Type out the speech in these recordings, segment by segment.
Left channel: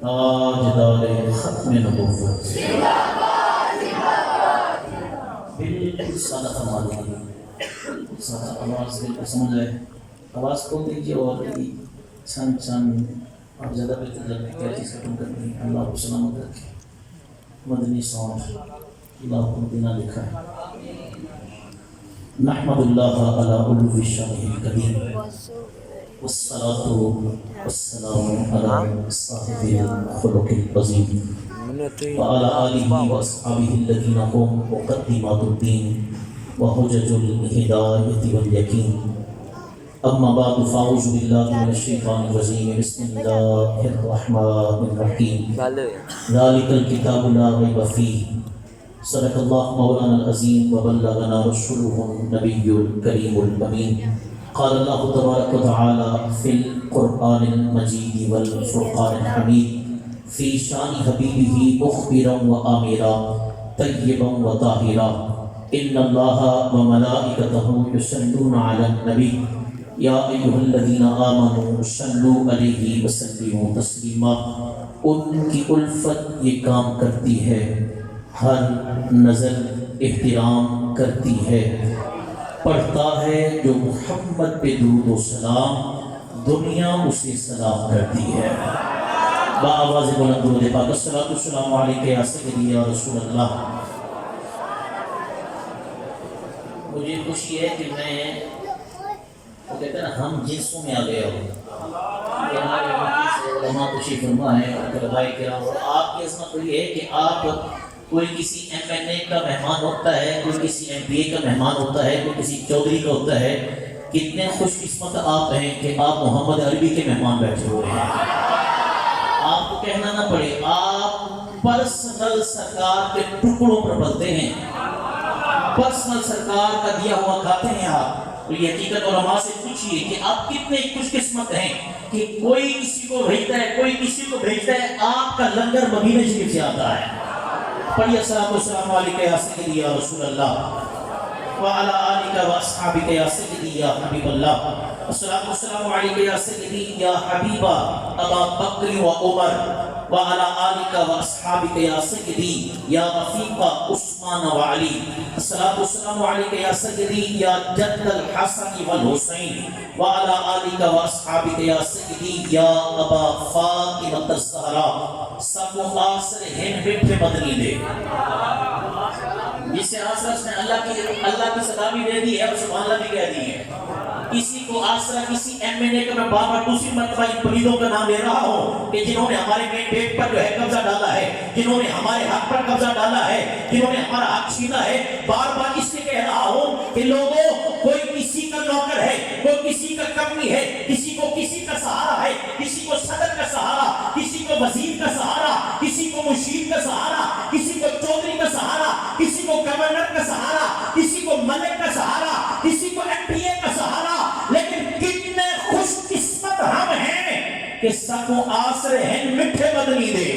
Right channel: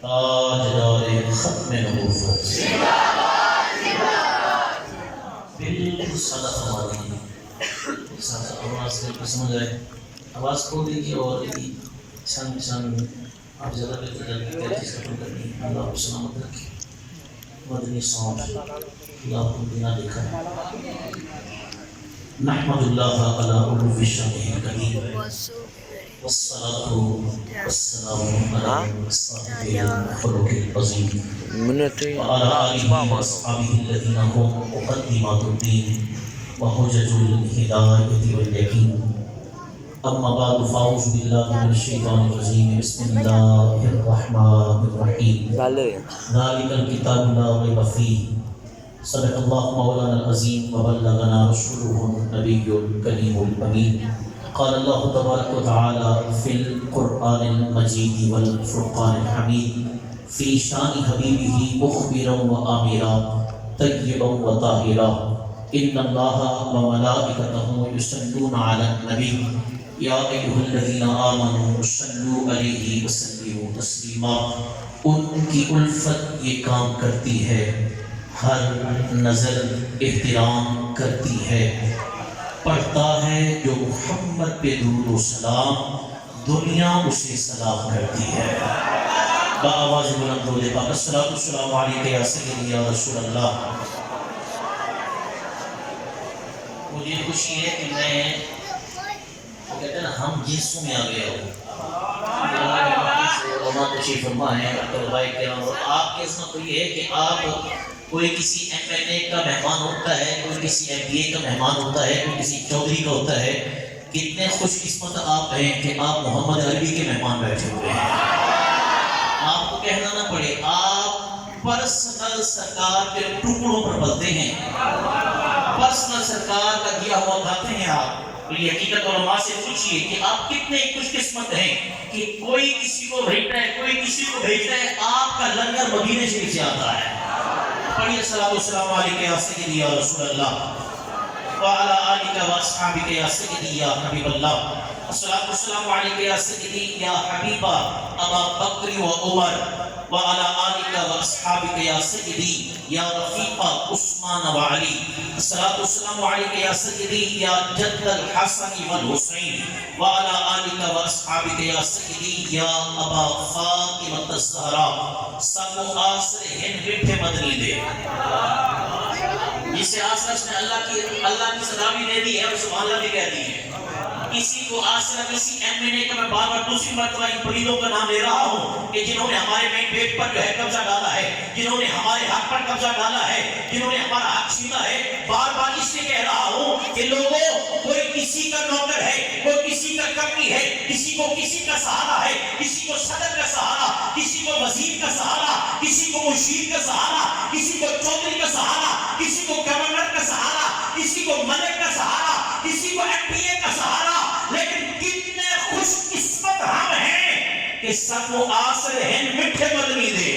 تاجدار ختم نبوت بالکل سادہ سماجی سادہ آواز بالکل سمجھ رہے آواز کھول دیجیے اور چند چند آپ زیادہ بہتر لگے تیزی سے ختم کرنی ہے اللہ کو سلامت رکھے مدنی ساؤنڈ اللہ کو بنا لکھا نحمد اللہ علی علو شانہ الکریم والصلاة والسلام على صاحب الخلق العظيم وعلى آله وأصحابه الذين هم مقدمات الدين وحجج الهداية واليقين أما بعد فأعوذ بالله من الشيطان الرجيم بسم الله الرحمن الرحيم ذلك الكتاب لا ريب فيه صدق الله مولانا العظيم وبلغنا رسوله النبي الكريم الأمين قال الله تبارك وتعالى في القرآن المجيد والفرقان الحميد في شان حبيبه مخبرا وآمرا طيبا وطاهرا إن الله وملائكته يصلون على النبي يا أيها الذين آمنوا صلوا عليه وسلموا تسليما ان کی الفت یہ کام کرتی ہے ہر نظر احترام کرتی ہے پڑھتا ہے جو محمد پہ درود و سلام دنیا اسے سلام کرتی ہے بآواز بلند درود پاک الصلاۃ والسلام علیک یا سیدی یا رسول اللہ مجھے خوشی ہے کہ میں وہ کہتے ہیں نا ہم جنسوں میں آ گیا ہوں علماء تشریف فرما ہے طلباء کرام اور آپ کی عظمت تو یہ ہے کہ آپ کوئی کسی ایم این اے کا مہمان ہوتا ہے کوئی کسی ایم پی اے کا مہمان ہوتا ہے کوئی کسی چودھری کا ہوتا ہے کتنے خوش قسمت آپ ہیں کہ آپ محمد عربی کے مہمان بیٹھے ہوئے ہیں آپ کو کہنا نہ پڑے آپ پرسنل سرکار کے ٹکڑوں پر پلتے ہیں پرسنل سرکار کا دیا ہوا کھاتے ہیں آپ یہ حقیقت علماء سے پوچھئے کہ آپ کتنے خوش قسمت ہیں کہ کوئی کسی کو بھیجتا ہے کوئی کسی کو بھیجتا ہے آپ کا لنگر مدینے شریف سے آتا ہے پڑھیے الصلاۃ والسلام علیک یا سیدی یا رسول اللہ وعلی آلک واصحابک یا سیدی یا حبیب اللہ الصلاۃ والسلام علیک یا سیدی یا حبیبہ ابا بکر و عمر وعلى آلك وأصحابك يا سيدي يا رفيق عثمان وعلي الصلاة والسلام عليك يا سيدي يا جد الحسن والحسين وعلى آلك وأصحابك يا سيدي يا أبا فاطمة الزهراء سب آسر ہند بیٹھے مدنی دے جسے آسرش نے اللہ کی صدا بھی دے دی ہے اور سبحان اللہ بھی کہہ دی ہے کسی کو آسرا کسی ایم این اے کا میں بار بار دوسری مرتبہ ان پریدوں کا نام لے رہا ہوں کہ جنہوں نے ہمارے مین پیٹ پر جو ہے قبضہ ڈالا ہے جنہوں نے ہمارے حق پر قبضہ ڈالا ہے جنہوں نے ہمارا حق چھینا ہے بار بار اس سے کہہ رہا ہوں کہ لوگوں کوئی کسی کا نوکر ہے کوئی کسی کا کمی ہے کسی کو کسی کا سہارا ہے کسی کو صدر کا سہارا کسی کو وزیر کا سہارا کسی کو مشیر کا سہارا کسی کو چودھری کا سہارا کسی کو گورنر کا سہارا کسی کو ملک کا سہارا کسی کو ایم پی اے کا سہارا لیکن کتنے خوش قسمت ہم ہیں کہ سب و آسر ہن مٹھے مدنی دے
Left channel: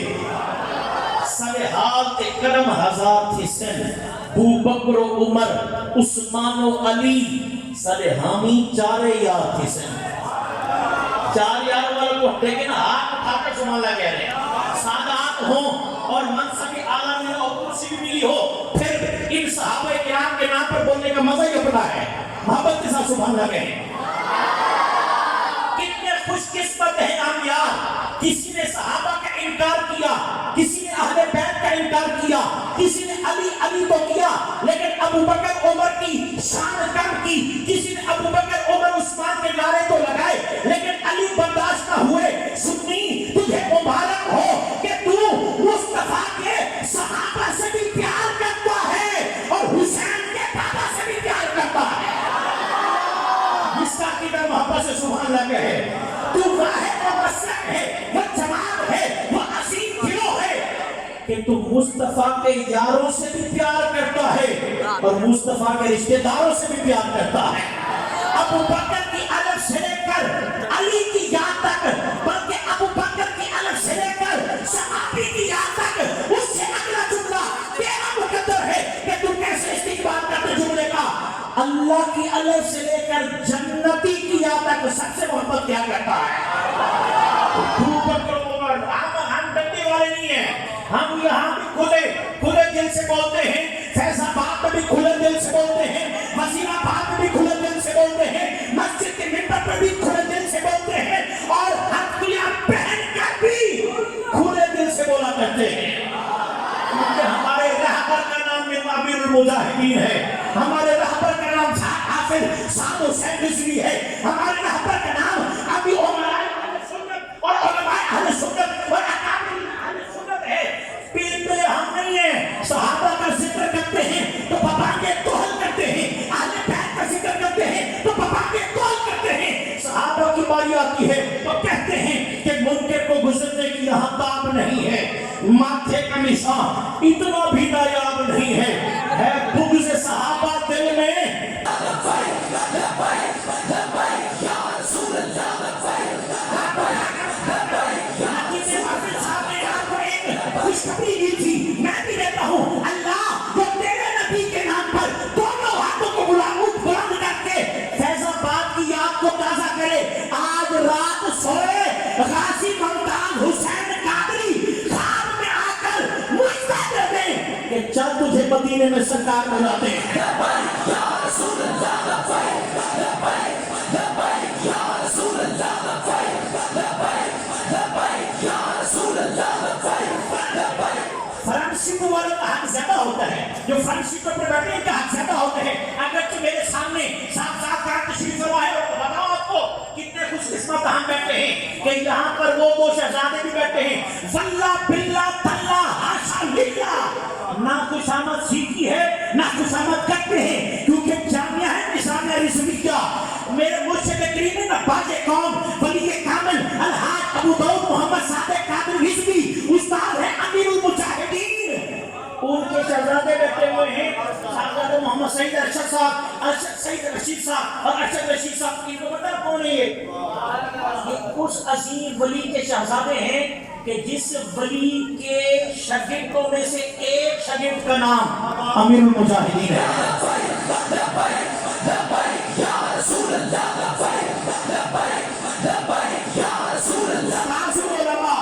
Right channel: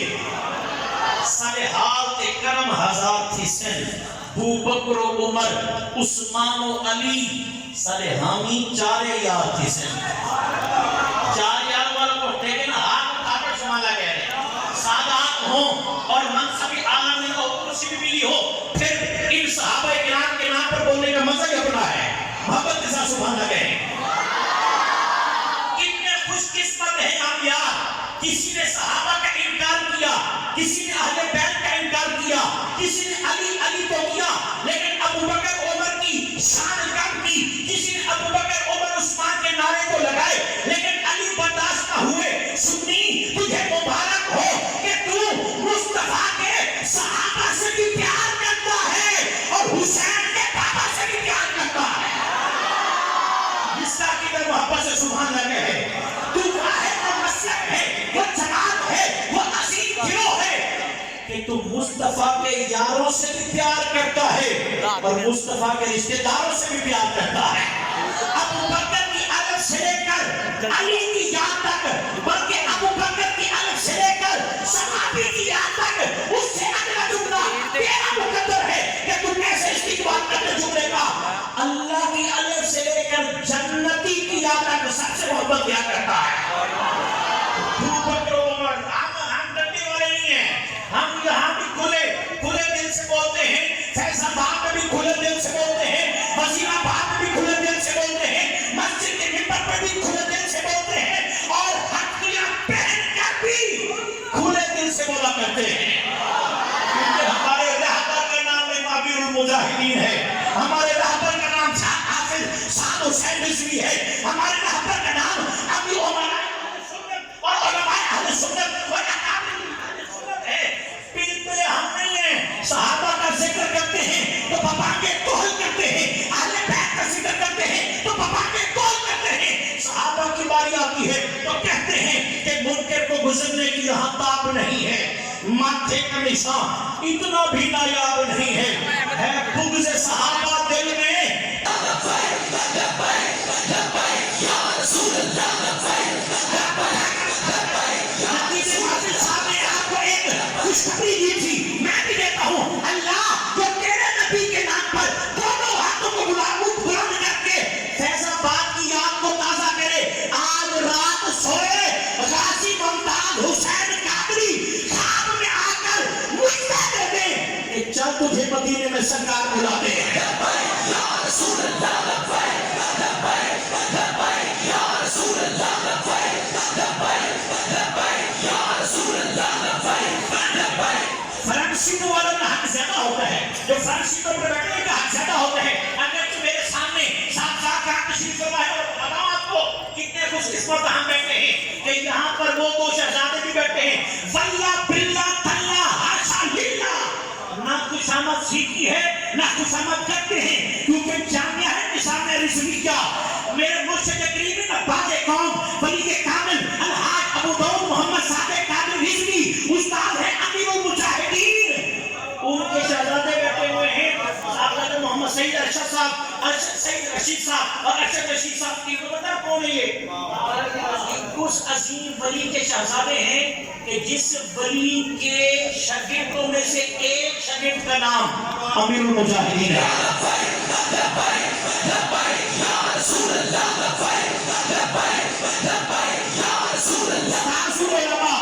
سر حالت کرم ہزار تھی سن بو بکر و عمر عثمان و علی سر حامی چارے یار تھی سن چار یار والا کو دیکھیں نا ہاتھ اٹھا کر سبحان اللہ کہہ رہے ہیں سادات ہوں اور منصب اعلیٰ میں اور کرسی بھی ملی ہو پھر ان صحابہ کرام کے نام پر بولنے کا مزہ یہ بنا ہے محبت کے ساتھ سبحان اللہ کہیں کتنے خوش قسمت ہیں ہم یار کسی نے صحابہ کا انکار کیا کسی نے اہل بیت کا انکار کیا کسی نے علی تو کیا لیکن ابو بکر عمر کی شان کم کی کسی نے ابو بکر عمر عثمان کے نعرے کو لگائے لیکن علی برداشت نہ ہوئے سنی تجھے مبارک ہو کہ تو مصطفیٰ کے صحابہ سے بھی پیار کرتا ہے اور حسین کے بابا سے بھی پیار کرتا ہے جس کا قدر محبت سے سبحان اللہ کہے تو واحد و مسلم ہے وہ جناب ہے وہ عظیم گروہ ہے کہ تو مصطفیٰ کے یاروں سے بھی پیار کرتا ہے اور مصطفیٰ کے رشتہ داروں سے بھی پیار کرتا ہے۔ ابو بکر کی الف سے لے کر علی کی یاد تک، بلکہ ابو بکر کی الف سے لے کر صحابی کی یاد تک، اس سے اگلا جملہ تیرا مقدر ہے کہ تو کیسے استقبال کرتے جملے کا۔ اللہ کی الف سے لے کر جنتی کی یاد تک سب سے محبت کیا کرتا ہے۔ ابو بکر عمر، ہم ڈرنے والے نہیں ہیں، ہم یہاں بھی کھلے دل سے بولتے ہیں، فیض آباد میں بھی کھلے دل سے بولتے ہیں، وزیر آباد میں بھی کھلے دل سے بولتے ہیں، مسجد کے ممبر پر بھی کھلے دل سے بولتے ہیں، اور ہتھیلیاں پہن کر بھی کھلے دل سے بولا کرتے ہیں، کیونکہ ہمارے رہبر کا نام امیر المجاہدین ہے، ہمارے رہبر کا نام حافظ سعد حسین رضوی ہے، ہمارے رہبر کا نام ابھی عمر اور علماء اہل سنت و اکابر اہل سنت ہے۔ پلپلے ہم نہیں ہیں، صحابہ کا ذکر کرتے ہیں تو پاپا کے توہل کرتے ہیں، اہل بیت کا ذکر کرتے ہیں تو پاپا کے توہل کرتے ہیں۔ صحابہ کی باری آتی ہے تو کہتے ہیں کہ منکر کو گزرنے کی یہاں تاب نہیں ہے، ماتھے کا نشان اتنا بھی نایاب نہیں ہے بغض صحابہ دل میں۔ خوشخبری دی تھی، میں بھی دیتا ہوں، اللہ جو تیرے نبی کے نام پر دونوں ہاتھوں کو بلند کر کے فیض آباد کی یاد کو تازہ کرے۔ آج رات سوئے غازی ممتاز حسین قادری خواب میں آ کر مجھے دے دیں کہ چل تجھے مدینے میں سرکار بلاتے ہیں۔ یا رسول اللہ لبیک لبیک لبیک یا رسول اللہ لبیک لبیک لبیک یا رسول اللہ لبیک لبیک۔ فرنٹ سیٹوں والوں کا حق زیادہ ہوتا ہے، جو فرنٹ سیٹوں پر بیٹھنے کا حق زیادہ ہوتا ہے۔ اگر تو میرے سامنے ساتھ تشریف فرما ہے اور بتاؤں آپ کو کتنے خوش قسمت ہم بیٹھے ہیں کہ یہاں پر وہ دو شہزادے بھی بیٹھے ہیں، واللہ باللہ تاللہ حاشا للہ، نہ خوشامد سیکھی ہے نہ خوشامد کرتے ہیں، کیونکہ جامعہ ہے نظام رضوی کا۔ میرے مرشد کریمی نباغ قوم ولی کامل الحاج ابو داؤد محمد صادق قادری رضوی استاد ہے امیر المجاہدین، ان کے شہزادے بیٹھے ہوئے ہیں، شہزادہ محمد سعید ارشد صاحب، سعید رشید صاحب اور ارشد رشید صاحب کی پتہ کون ہے یہ؟ اس عظیم ولی کے شہزادے ہیں کہ جس ولی کے شاگردوں میں سے ایک شاگرد کا نام امیر المجاہدین ہے۔ یا رسول اللہ لبیک لبیک لبیک یا رسول اللہ۔ استاذ العلماء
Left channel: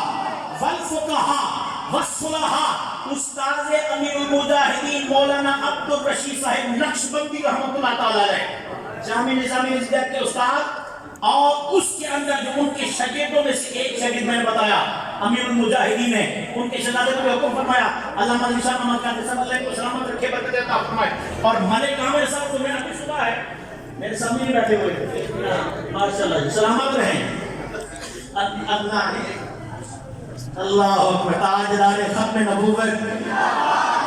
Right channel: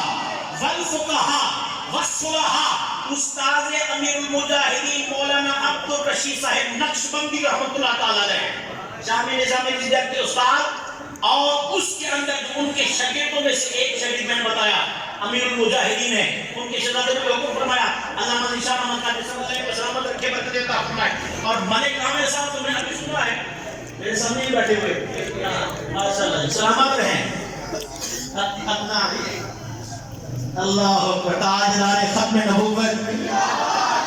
والفقہاء والصلحاء استاد امیر المجاہدین مولانا عبد الرشید صاحب نقشبندی رحمۃ اللہ تعالی علیہ، جامع نظام رضویہ کے استاد، اور اس کے اندر جو ان کے شاگردوں میں سے ایک شاگرد میں نے بتایا امیر المجاہدین نے، ان کے شہزادے کو حکم فرمایا علامہ علی شاہ محمد قادری صاحب اللہ علیہ سلامت رکھے برکت عطا فرمائے، اور ملک عامر صاحب تو میں نے ابھی سنا ہے میرے سامنے ہی بیٹھے ہوئے، ماشاءاللہ سلامت رہیں۔ اللہ اکبر، تاجدار ختم نبوت،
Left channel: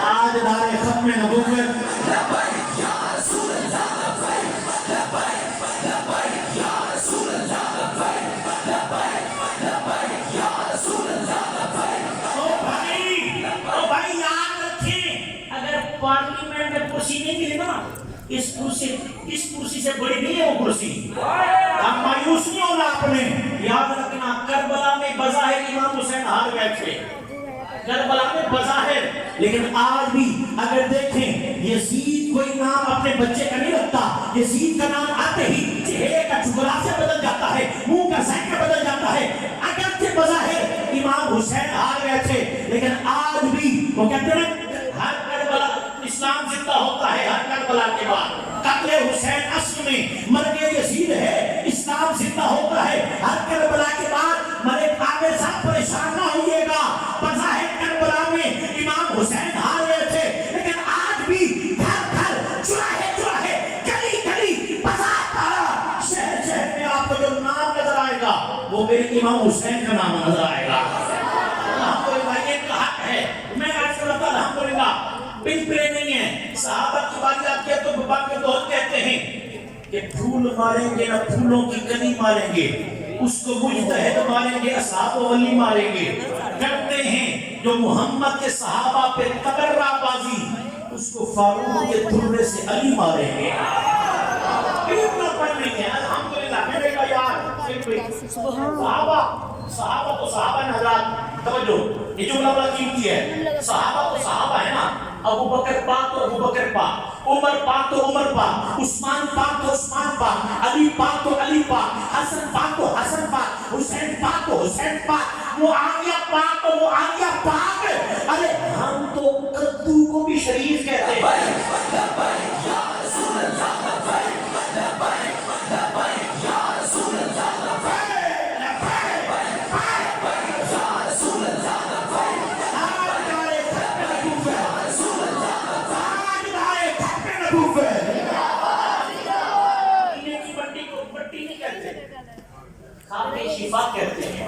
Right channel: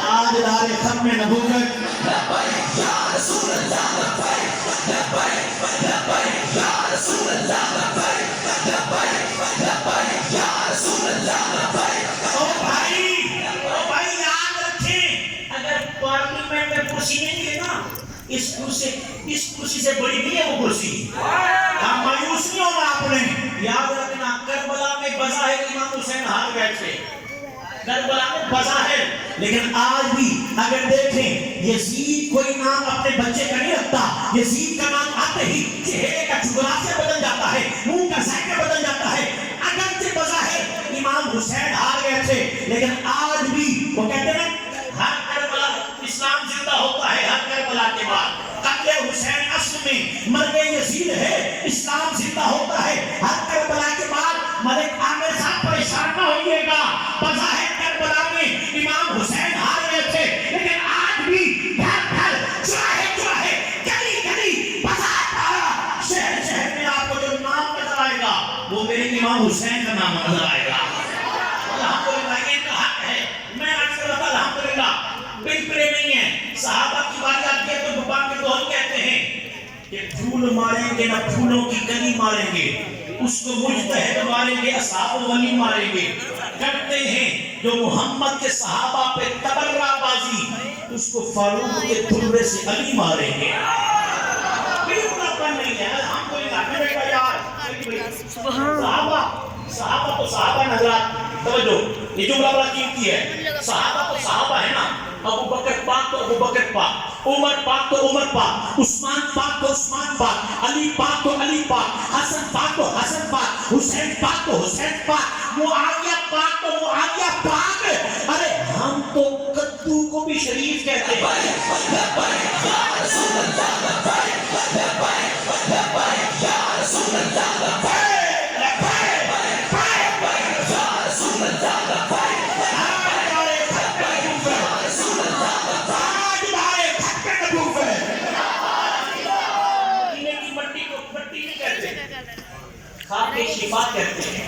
تاجدار ختم نبوت، لبیک یا رسول اللہ لبیک لبیک لبیک یا رسول اللہ لبیک لبیک لبیک یا رسول اللہ لبیک۔ او بھائی یاد رکھیں، اگر پارلیمنٹ میں کرسی نہیں ملی نا، اس کرسی سے بڑی نہیں ہے وہ کرسی، ہم مایوس نہیں ہونا آپ نے، یاد رکھنا کربلا میں بظاہر امام حسین ہار گئے تھے، کربلا میں بظاہر، لیکن آج بھی اگر دیکھیں یزید کوئی نام اپنے بچے کا نہیں رکھتا، یزید کا نام آتے ہی چہرے کا جغرافیہ بدل جاتا ہے، منہ کا ذائقہ بدل جاتا ہے، اگرچہ بظاہر امام حسین ہار گئے تھے لیکن آج بھی وہ کہتے ہیں ہر کربلا اسلام زندہ ہوتا ہے، ہر کربلا کے بعد قتل حسین اصل میں مرد یزید ہے، اسلام زندہ ہوتا ہے ہر کربلا کے بعد۔ ملک عامر صاحب پریشان نہ ہوئیے گا، بظاہر کربلا میں امام حسین ہار گئے تھے لیکن آج بھی گھر گھر چراہے چراہے گلی گلی بازار پارا شہر شہر میں آپ کو جو نام نظر آئے گا وہ میرے امام حسین کا نام نظر آئے گا۔ الحمدللہ ایک حق ہے، میں آج کل الحمدللہ پلپلے نہیں ہے، صحابہ کی باری آتی ہے تو بابا کے دوہل کہتے ہیں کہ پھول ماریں گے نہ پھولوں کی کلی ماریں گے، اس کو مجتہد ماریں گے اصحاب ولی ماریں گے، کرتے ہیں جو محمد کے صحابہ پہ تبرہ بازی، اس کو فاروق کے تھلوے سے علی ماریں گے. صحابہ تو صحابہ ہیں حضرات، توجہ یہ جملہ بڑا قیمتی ہے. صحابہ تو صحابہ ہے نا، ابو بکر پاک تو ابو بکر پاک، عمر پاک تو عمر پاک، عثمان پاک تو عثمان پاک، علی پاک تو علی پاک، حسن پاک تو حسن پاک، حسین پاک تو حسین پاک، معاویہ پاک تو معاویہ پاک. ارے ہم تو کدو کو بھی شریف کہتے ہیں. شفاعت کہتے ہیں.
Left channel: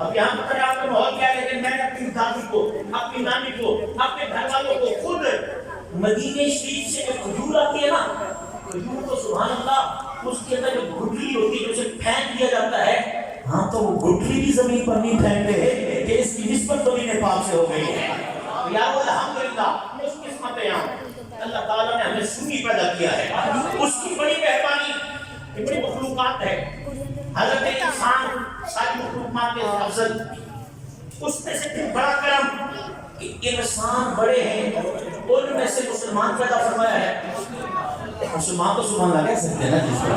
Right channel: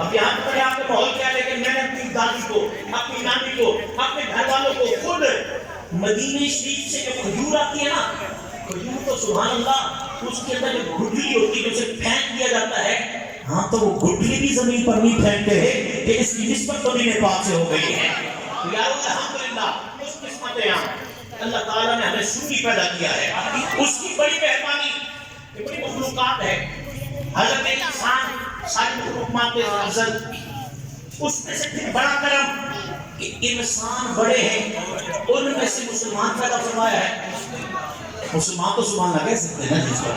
اب یہاں پر آپ کو ماحول کیا، لیکن میں نے اپنی دادی کو، اپنی نانی کو، اپنے گھر والوں کو خود مدینے شریف سے جو کھجور آتی ہے نا، کھجور تو سبحان اللہ اس کے اندر جو گٹھلی ہوتی ہے اسے پھینک دیا جاتا ہے. ہاں تو وہ گٹھلی بھی زمین پر نہیں پھینکتے ہیں کہ اس کی نسبت تو نہیں پاک سے ہو گئی ہے. تو یارو الحمدللہ اس قسمت ہے اللہ تعالیٰ نے ہمیں سنی پیدا کیا ہے. اس کی بڑی مہربانی، یہ بڑی مخلوقات ہے. حضرت انسان ساری مخلوقات کے افضل، اس میں سے پھر بڑا کرم کہ انسان بڑے ہیں، ان میں سے مسلمان پیدا فرمایا ہے. مسلمان تو سبحان اللہ کہہ سکتے ہیں نا جس پر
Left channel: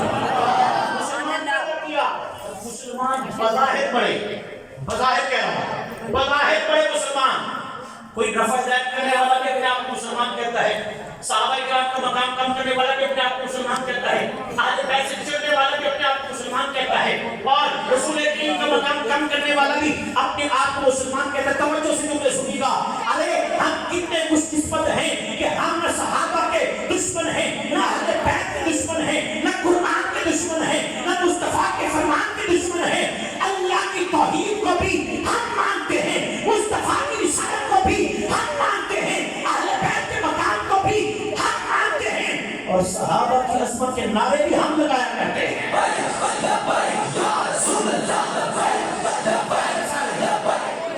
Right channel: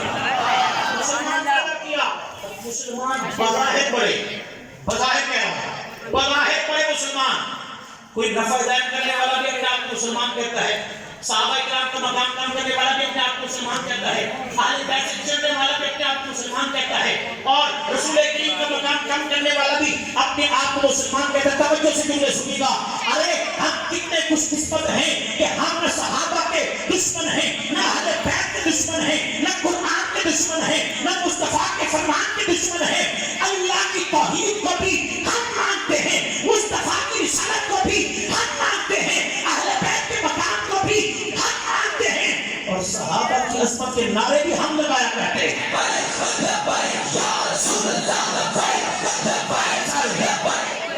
مسلمان پیدا کیا. مسلمان بظاہر بڑے، بظاہر کہہ رہا ہوں، بظاہر بڑے مسلمان. کوئی نفع زائد کرنے والا بھی اپنے آپ کو مسلمان کہتا ہے، صحابہ کرام کا مقام کم کرنے والا بھی اپنے آپ کو مسلمان کہتا ہے، اہل بیت سے چھوڑنے والا بھی اپنے آپ کو مسلمان کہتا ہے، اور رسول کریم کا مقام کم کرنے والا بھی اپنے آپ کو مسلمان کہتا ہے. توجہ سے جملے سنیے گا. ارے ہم کتنے خوش قسمت ہیں کہ ہم نہ صحابہ کے دشمن ہیں، نہ اہل بیت کے دشمن ہیں، نہ قرآن کے دشمن ہیں، نہ مصطفیٰ کے فرمان کے دشمن ہیں. اللہ کی توحید کو بھی ہم مانتے ہیں، مصطفیٰ کی رسالت کو بھی ہم مانتے ہیں، اہل بیت کے مقام کو بھی ہم مانتے ہیں، اور صحابہ کی عظمت کے نعرے بھی ہم لگایا کرتے ہیں.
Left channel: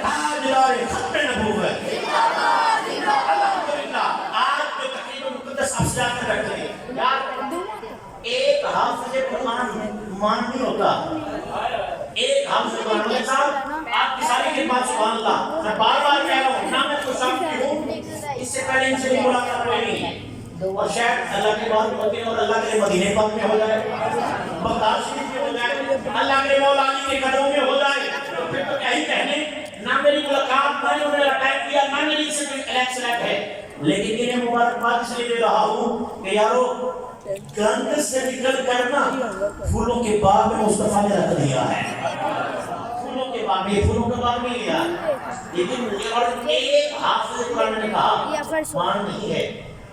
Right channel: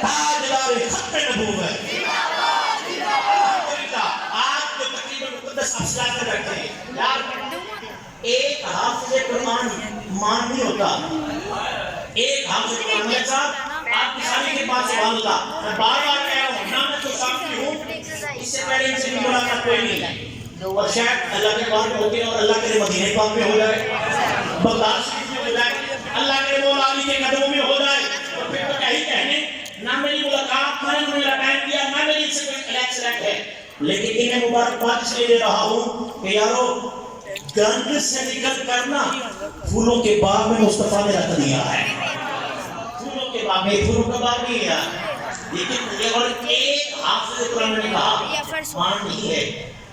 تاجدار ختم نبوت. آج جو تقریب مقدس آپ سے کر رکھتے ہیں یار، ایک حافظ قرآن مان نہیں ہوتا. ایک حافظ قرآن میں صاحب آپ کی ساری خدمات سبحان اللہ، میں بار بار کہہ رہا ہوں، نہ میں تو سامنے ہوں، اس سے پہلے ان سے بھی ملاقات ہوئی نہیں. اور شاید اللہ کے بار ہوتی ہے، اور اللہ کے مدینہ پاک میں ہو جائے، بغداد شریف میں ہو جائے، اللہ کے مولا علی کے قدموں میں ہو جائے، تو پھر تو کہیں کہنے نہ میری ملاقات، نہ انہوں نے رکائب کیا، نہ میری ان سے کوئی الیکس ریک ہے. لیکن انہیں مبارکباد اس لیے دے رہا ہوں کہ یارو گند سے نکل کرنا پھولوں کے باغ میں مصطفیٰ نے رکھ دیا ہے. پھولوں کے باغ میں، پھولوں کا باغ نہیں ہے. لیکن مجھے اور ایک حافظ قرآن نے کہا مان نہیں ہے.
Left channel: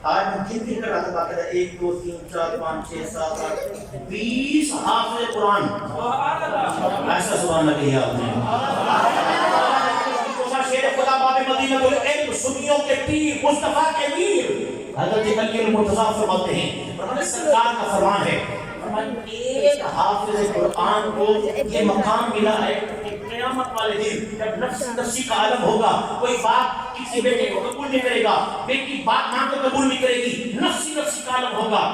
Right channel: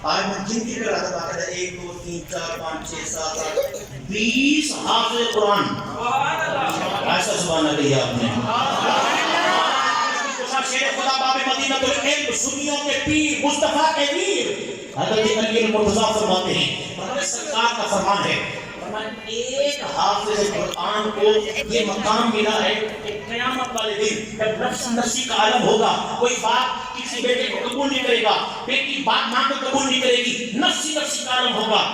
آج میں گنتی کر رہا تھا باقاعدہ 1 2 3 4 5 6 7 8 20 حافظ قرآن. ایسا سبحان اللہ کہا آپ نے. شیر خدا باب مدینہ العلم، سنیوں کے پیر، مصطفیٰ کے ویر حضرت علی المرتضیٰ فرماتے ہیں، فرماتے سرکار کا فرمان ہے، ایک حافظ قرآن کو یہ مقام ملا ہے کہ قیامت والے دن جب نفس نفسی کا عالم ہوگا، کوئی باپ کسی بیٹے کو قبول نہیں کرے گا، بیٹی باپ ماں کو قبول نہیں کرے گی، نفسی کا عالم ہوگا.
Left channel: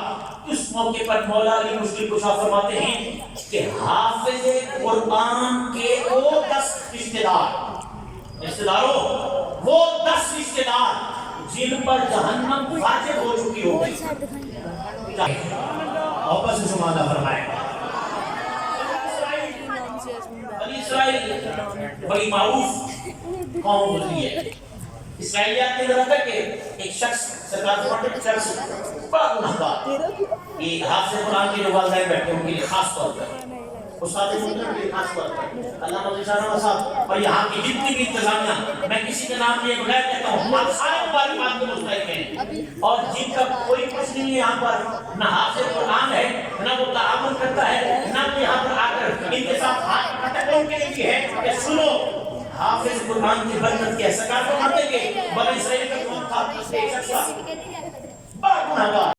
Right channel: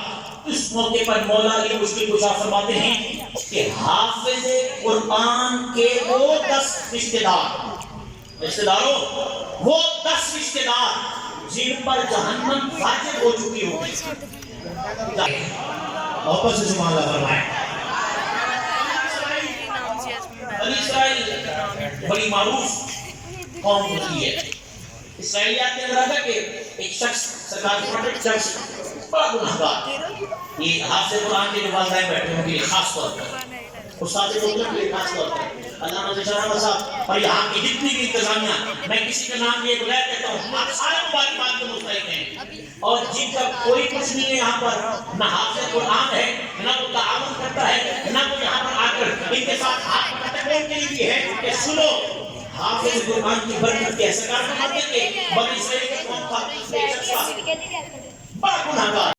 اس موقع پر مولا علی مشکل کشا فرماتے ہیں کہ حافظ قرآن کے وہ 10 رشتہ داروں، وہ 10 رشتہ دار جن پر جہنم واجب ہو چکی ہوگی. اوپر سے سبحان اللہ فرمائے. بنی اسرائیل بڑی معروف قوم ہوتی ہے. اسرائیلیات نے ذرا کہ ایک شخص سرکار پروفٹ شخص بڑا گناہگار، یہ حافظ قرآن کے جو والدین بیٹھے ان کے لیے خاص طور پر، استاد محترم کے لیے خاص طور پر علامہ ذیشان صاحب اور یہاں کی جتنی بھی انتظامیہ، میں کسی کا نام لیے بغیر کہتا ہوں آپ سارے مبارکباد کے مستحق ہیں، اور جن کا کوئی کچھ نہیں ہے یہاں پر، نہ حافظ قرآن ہے، نہ وہ تعاون کرتا ہے، نہ وہ یہاں پر آ کر ان کے ساتھ ہاتھ پٹکنے کے لیے ہے کہ سنو حافظ قرآن کی برکت کے سرکار فرماتے کہ بنی اسرائیل کا کون تھا، بڑا گناہگار